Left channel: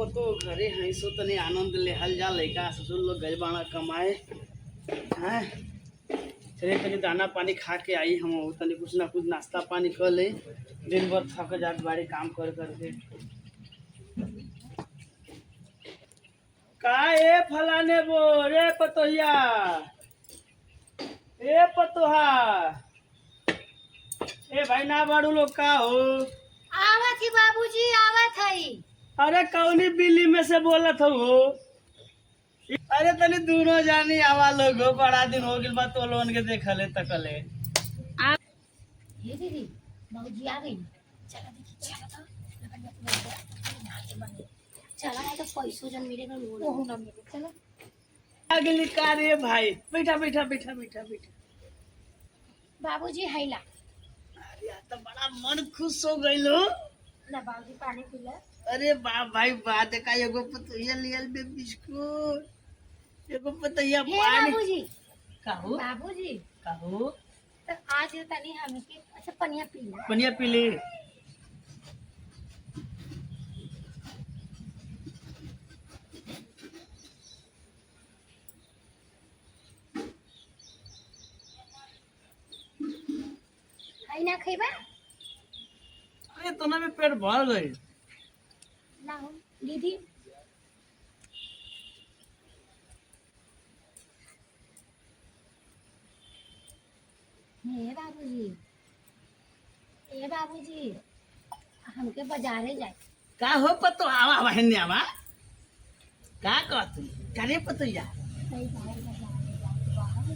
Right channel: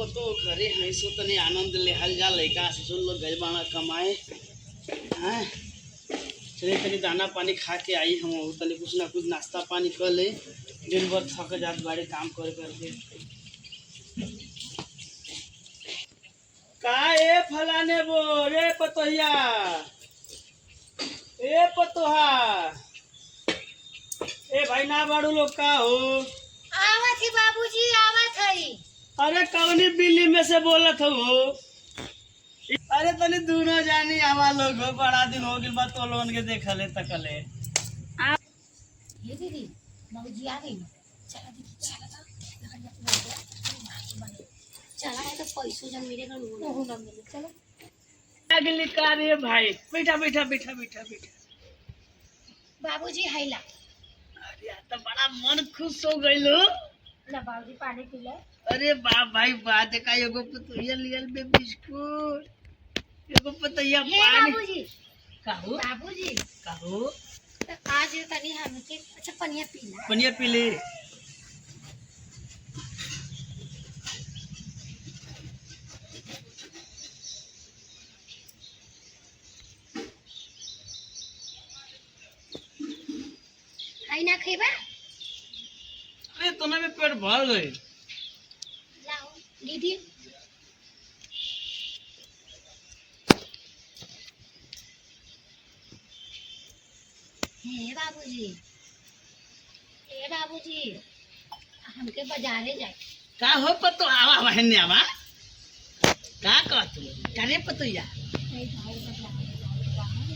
पतो घरे हैं सो तनी आनंद लेहल जा लइका ससुर लोग गए बाड़ा कमाए हैं। चले तनी दाना पानी खा के आई हम तनी कुछ ना कुछ नाश्ता पानी कर ले। दिन भर थक जात बाड़ी काम कर करके। का ए फलाने बो रे पतोहिया ए पतोहा ए भाई ना बाड़ू लोग का हो। आवत ही बाबूजी आवत हई। अरे कौनी बिल्ली में से बोलत हो। अरे तनी दोनों जानी आवा लोग हो, बड़ा दिन हो गइल बा तो लोन के देखले तकले। हे दीदी बाबूजी आ गई। चला दीदी चला तो चला नहीं तो पैसों जन मिलेगा वो ना मिले। चलो अगली का रे भाई बैठा बैठा बैठा बैठा बैठा। बाबूजी हैला अरे आज तो बड़ा मन खुश हो गइल हो। ना बाबूजी पानी पी ले। अरे बा भाई बा देखा एगो पतोहिया लियल बे बिस्कुट एगो पतोहिया हे पानी बाबूजी काहू बाबूजी काहू तो आज तनी हमके अच्छा पनिया पी ला। पनिया पी ले। हई ना खइबा अरे तना में पेट भर गई। लाओ दीदी हे बाबूजी हमके बाजारे जाए। का हो पतो आवा बहन आवा का कहत का रे पतोहिया कई बार बाजारे जाए बाहर।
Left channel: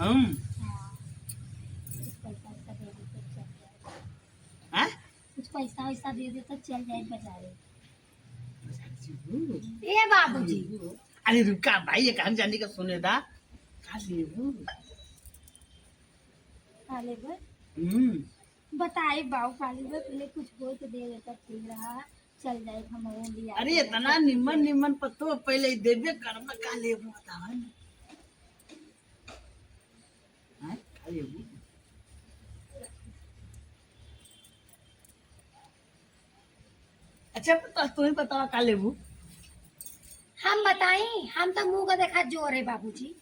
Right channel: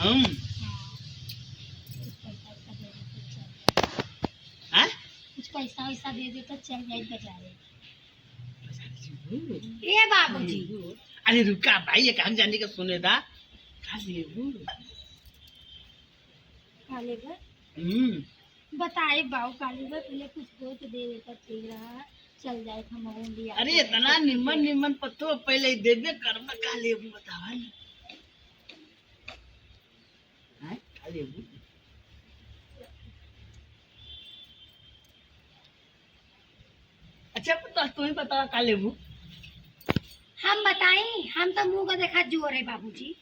हम हाँ, कुछ पैसा वैसा दे दे तो चल जाए। हां कुछ पैसा वैसा दे दे तो चल जाए बाजारे। ए बाबूजी अरे रुका भाई ये काम जाने का सुने दा का लेबू। काले पर बताए बाऊ काले पर पहले कुछ हो तो दे देता ठीक रहा। चल जाए हम लिया। अरे इतना निमन निमन पत्तो पहले ही देबे करबा का लेबू बतावा ना। हां का लेबू अच्छा पता तुम्हें बतावा का लेबू। हम बताई हम तो मुंह का देखा जोर है बाबूजी।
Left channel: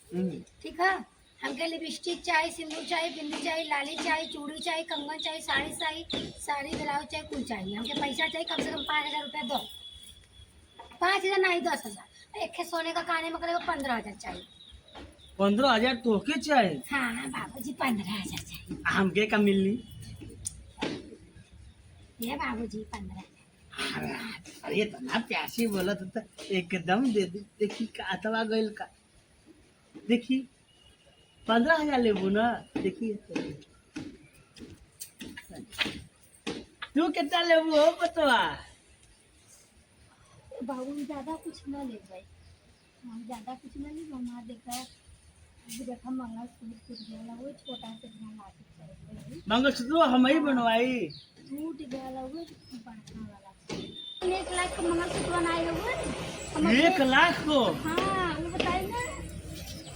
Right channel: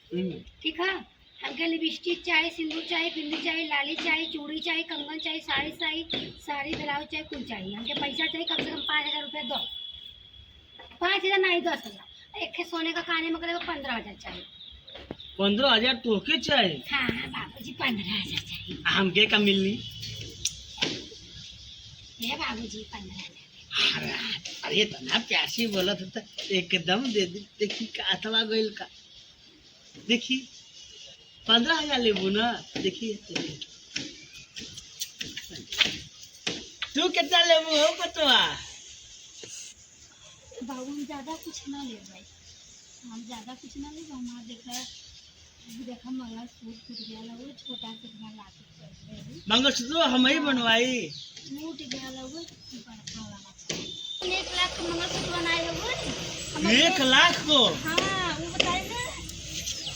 ठीक है हमके लिपस्टिक चाहिए, सिंदूर चाहिए, बिंदी चाहिए, लाली चाहिए, चूड़ी चाहिए, कंगन चाहिए, साड़ी चाहिए, साड़ी ब्लाउज चाहिए, कुल चाहिए। हमके पैसा चाहिए कम से कम 5,000 रुपया दो। 5,000 नहीं 10,000। एक सोने का काने में करेगा 15,000 चाहिए। 15,000 तोके चाहिए। हाँ बाबूजी 15,000 चाहिए। हमके का मिलनी। ये बाबूजी 15,000। अरे इतना प्यासी बोलत था एकदम दे दे। देखी का अथवा गइल का देखी 15,000 लेबू ना। देखिए तू कितना लेबू हो पतवा। बाबू हम ज्यादा कुछ ना ले भाई। हम ज्यादा कुछ ना ले। हमारा देखा मंगलसूत्र टूट गया वो छोटा से इतना लाके मंगलसूत्र हम ही बनवाई। टूट गया वो बड़का वाला 1 लाख का मंगलसूत्र बनाए हुए। 1 लाख को। हाँ वो बताए ना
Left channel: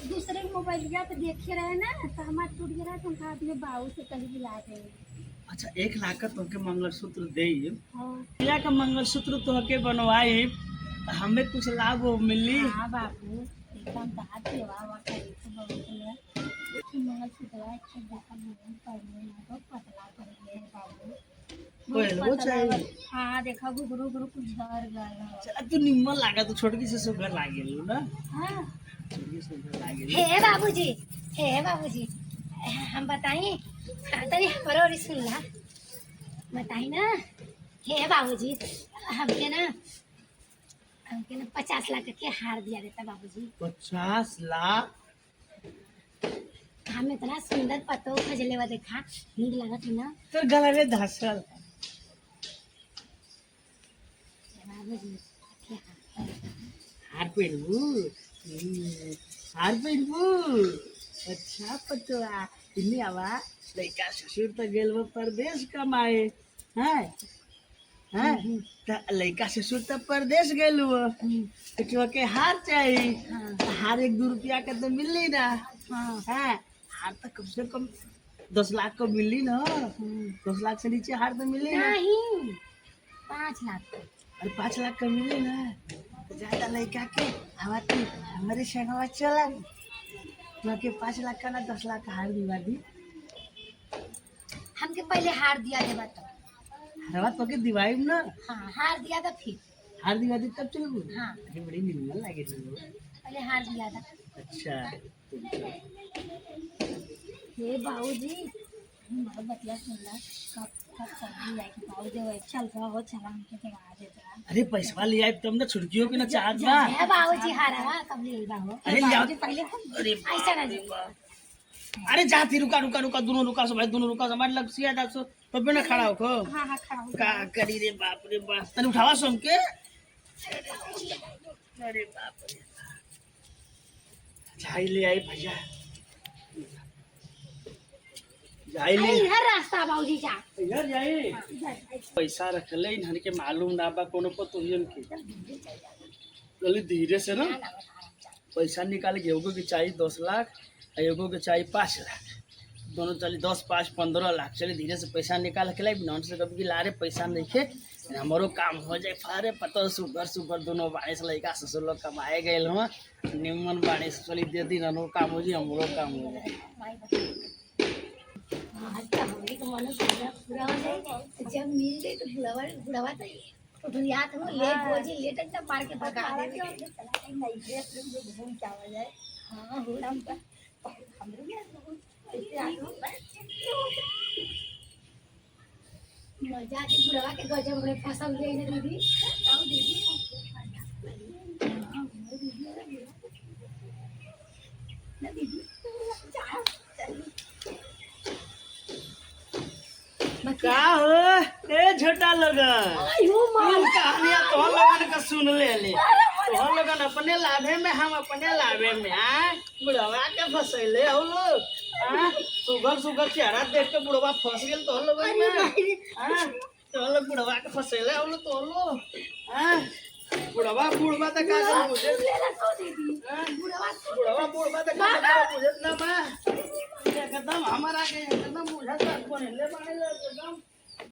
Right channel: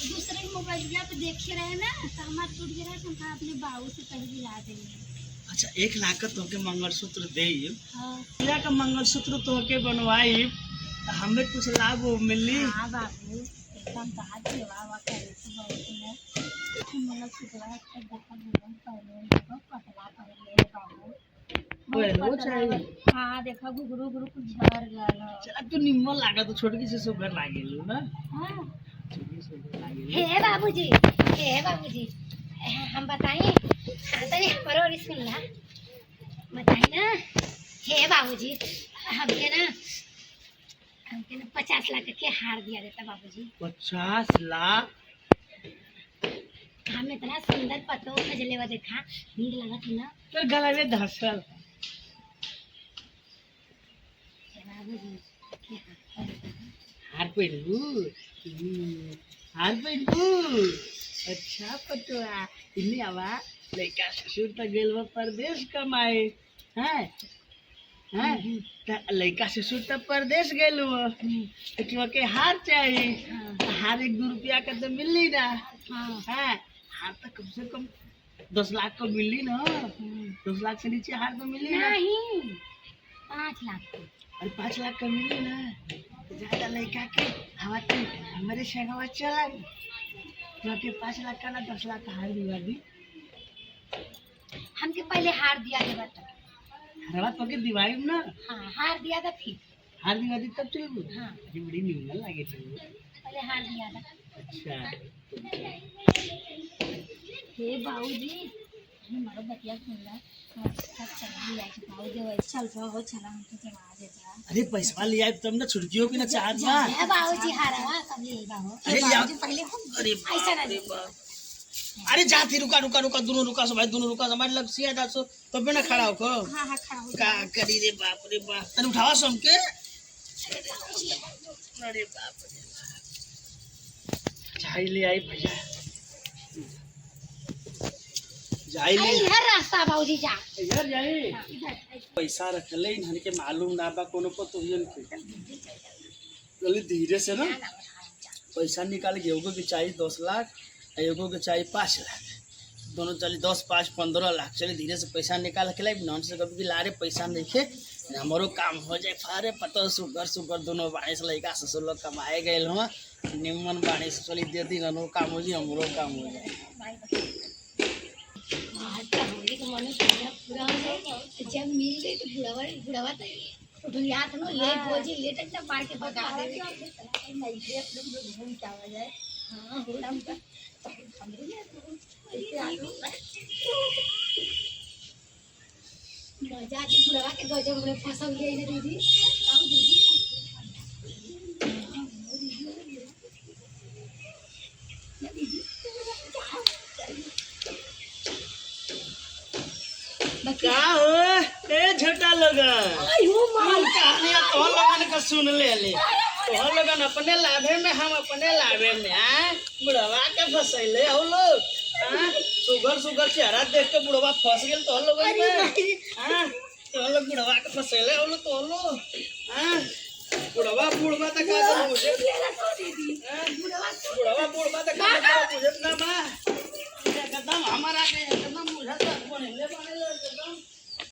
दूसरे के मोबाइल पे देखे रहे ना तो हमारा टूट गया तो हम कहा अपने बाबू से कहीं दिला देंगे। अच्छा 1 लाख का तोके मंगलसूत्र दे। हाँ भैया का मंगलसूत्र तोके बनवाई तो हमें कुछ लाभ मिली। हाँ बाबू एकदम बात सेवा करे तो बहुत ने मंगलसूत्र अच्छा देखा भगवान पर पतला कर ले बाबू वो चाहिए। हाँ देखा गुरु गुरु कुछ झड़ गया। चला तू निम्न लागा तो छोटकी से सुगर लागेल ना। हाँ छोटकी सुगर लागेल। हे बाबूजी हम बताई। हाँ तनी हमारो और सुन ला बताई ना। हे बाबूजी हमके ना 50 लाख के हार दिया देता बाबूजी। 50 लाख। हम इतना सुंदर पतो खजले वा देखा नीक लागत है ना। तो गला में धसल बाबूजी के हार पहनबू। हार पहनबू। अच्छा पतवा इन्हें आवा लड़का ससुर तो गेल वो परदेश कमाए हैं हैं तो लड़का ससुर तो परदेश गेल वो तो के हार चाहिए। हाँ। हार 1-2 रुपया का तो मिली ना। हाँ हैं हार तो कम से कम 10 लाख को मिली ना। 10 लाख से नीचे हार तो मिली ना। नहीं 5 लाख को। और 5 लाख का मिले ना तो ज्यादा लड़का के हवा तू हमारे संगवा चला क्योंकि 5 लाख का ना 10 लाख का हार दिवा दी। हमके पहले हार दिया देवा तब। हरवा पके दिवाई ना। हाँ हार दिया था फिर। हार दिवा दी तब चल। हाँ अरे बड़ी निमन लागे थी वो। पहले हार दिया था। अच्छा हे बाबूजी हमारा बतिया सुन ला कब तक चल जाए बाबूजी वैसे चल रहा हो चला हमके जगह दे जा। अरे पैसा ले आए तुम ना छुड़कियों की ना चाहत बा। है बाबूजी हारा कब ले बाबू। अरे लिया पहले अरे ऐसा कर अरे अरे जाती रुका रुका रुका दोनों रुका सब भाई दोनों रुका सब लग सिया जा सो तब ना खड़ा हो को। हाँ हाँ खड़ा हो का करी रे बाप तने उठावा सो हमके। अरे बाप रे जाई ले आई भैया जाई ले इधर रास्ता बाबूजी जा इधर जाई। इधर पैसा रखले इन्हन के मालूम ना बा कोनो को तुहिन के चली धीरे से ना पैसा निकाल के एगो के चाहिए 10 लाख एगो के चाहिए 5 लाख दोनों चली 10 5 15 लाख चली धीरे से पैसा निकाल के लाई नॉन से कभी लारे पैसा नहीं खे हमारो काम हो जाए फारे पता सुगर सुगर दोनों बाड़े से लड़का ससुर लोग कमाए गए हम निमन बाड़े से चली दे दी ननो काम हो जाए हमरो काम हो जाए। आज का होली का मन पूरा हो जाए जब मिल गई तो बुढ़ावा तो याद हो ले बोझी ले तक मार के भगा दे नहीं रे लोग घूम क्या हो जाए। हाँ हो हम का हमरे यार ऐसे आलू मजा के बुढ़ावा के गजब में फसल गई ना दीदी आओ दीदी ना दीदी का हो ए झटा लगन आयो माल कहानियां तो लगन का सुन ले तो लगन अपने लाभे में हम अपने लाभे में आ बुढ़वा के फसैले हो लोग हां सुगर सुगर चेहरा देख के बुढ़वा फंस गेल तो लगन में हां तो लोग बुढ़वा के फसैले हो तो लो हां बुढ़वा तक का कर मुझे लेला तो दीदी बुढ़वा तक का कर मुझे ना बा एकदम हमारा के एकदम मुझे कोने ले बाने ले एकदम